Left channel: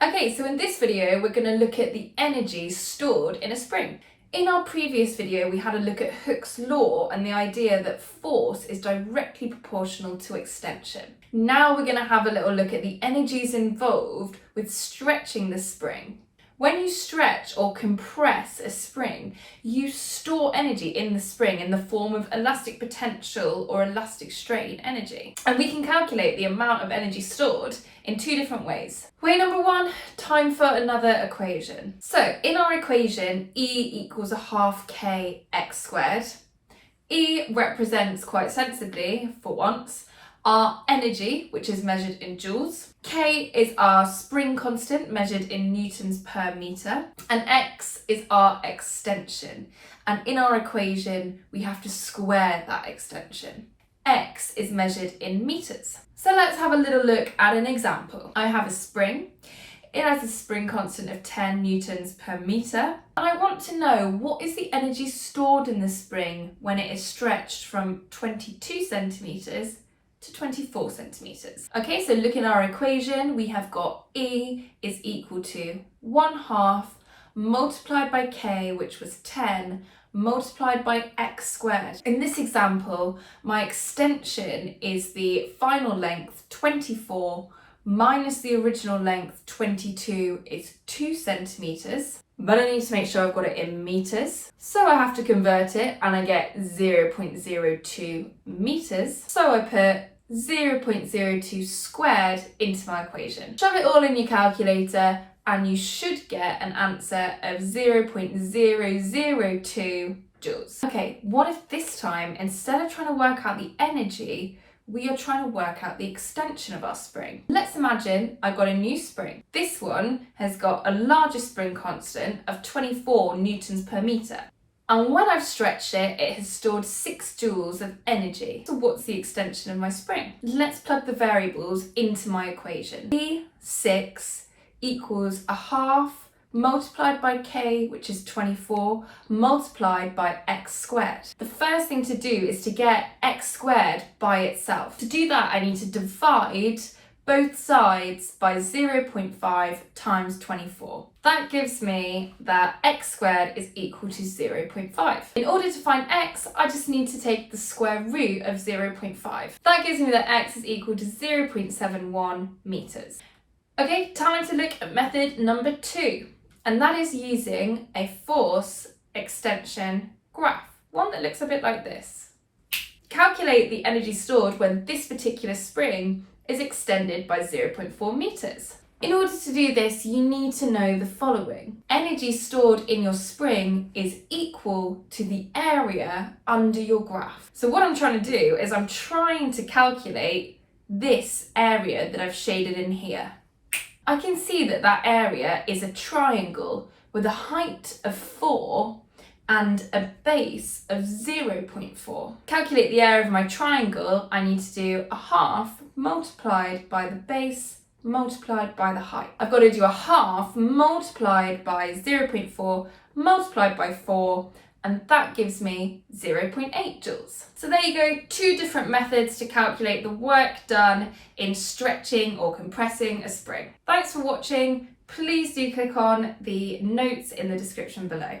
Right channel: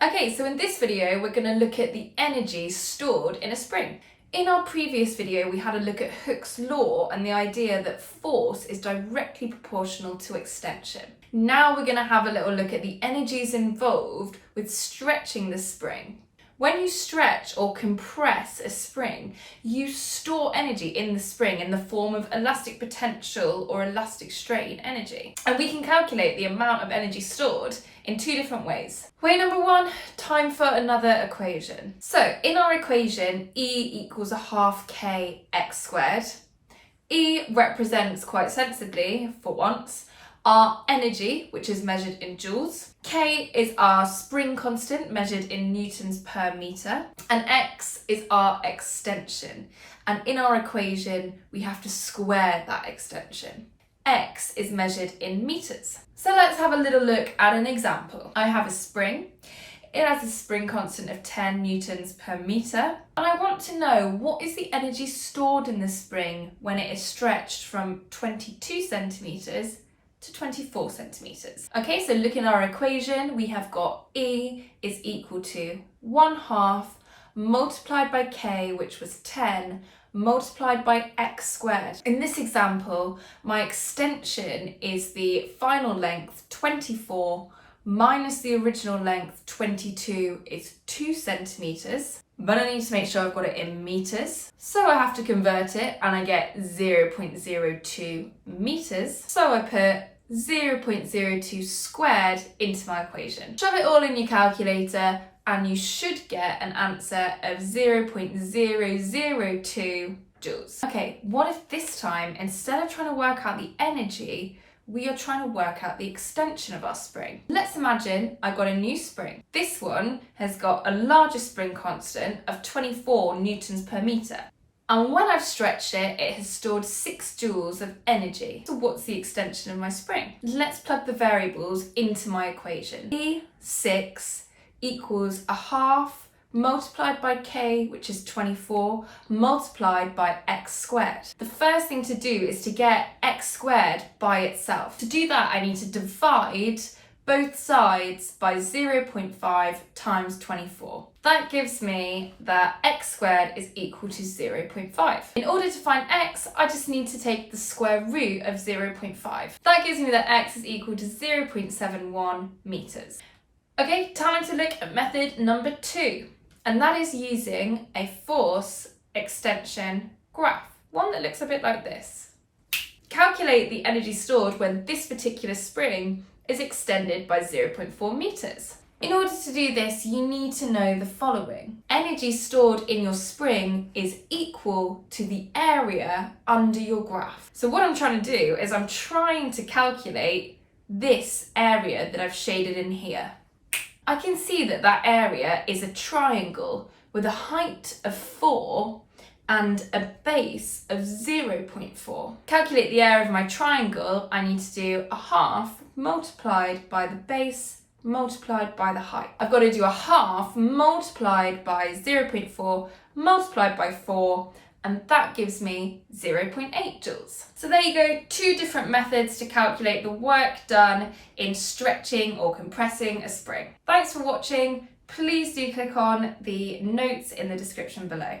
Okay, so in this video, we're going to look at the energy stored in a spring. In our previous video, we had a look at Hooke's law and the idea that force is directly proportional to extension. Now we're going to have a little look at the energies involved with stretching the spring. When you stretch or compress a spring, you store energy in the spring in the form of elastic potential or elastic strain energy. And we can calculate the amount of energy stored in two different ways. Way number one, time for another equation. So in our equation, E equals 1/2 kx squared. E represents quite sensibly, for once, our energy, which is measured in joules. K is our spring constant, measured in newtons per metre. And X is our extension. And in our equation, we have to square that extension. X is measured in metres. So let's have a little look at an example. I have a spring. It has a spring constant of 10 newtons per metre. And I want to know what is the energy stored in the spring when it is stretched from 22 centimetres to 24 centimetres. Okay, so look in our equation, we have got E is equal to 1/2 multiplied by K, which was 10, multiplied by X squared. In this example, my extension is the final length 24 minus the original length 22 is 2 centimetres. But I need to make sure I've got it in metres. So I have to convert it and I get 0.02 metres. So I put 0.02 squared into my equation. Shove it all in your calculator and you should get an answer of 0.002 joules. Okay, what if this time, instead of trying to work out the energy, we are trying to work out the extension of our spring? Let's imagine I've got a new spring. This one has got a larger spring constant of 24 newtons per metre. And when I've stretched it, it has stored 6 joules of energy. So what's the extension of my spring? Let's plug the variables into my equation. E6 equals 1/2 multiplied by K, which is 24, multiplied by X squared. The first thing to do is to get X squared by itself. To do that, I need to divide both sides by 0.5 times 24. That gives me that X squared is equal to 0.5. In order to find X, I just need to take the square root of 0.5. That gives me that X is equal to 0.71 metres. Okay, time to look at method number 2. And that is using a force extension graph, one that looks a bit like this. Calculate the energy stored when this particular spring is extended by 0.4 metres. In order to do this, you need to know the following. Energy stored in your spring is equal to the area under your graph. So what I'm trying to do is I'm trying to calculate this area that I've shaded in here. I can see that that area is a triangle with a height of 4 and a base of 0.4. Calculate the area of my triangle, I need to do 1/2 multiplied by the base multiplied by the height. I've got to do 1/2 multiplied by 0.4 multiplied by 4, and that gives me 0.8 joules. So there you go, 2 different methods to calculate the work done in stretching or compressing a spring. Thanks for watching. Please do click on the notes in the description below.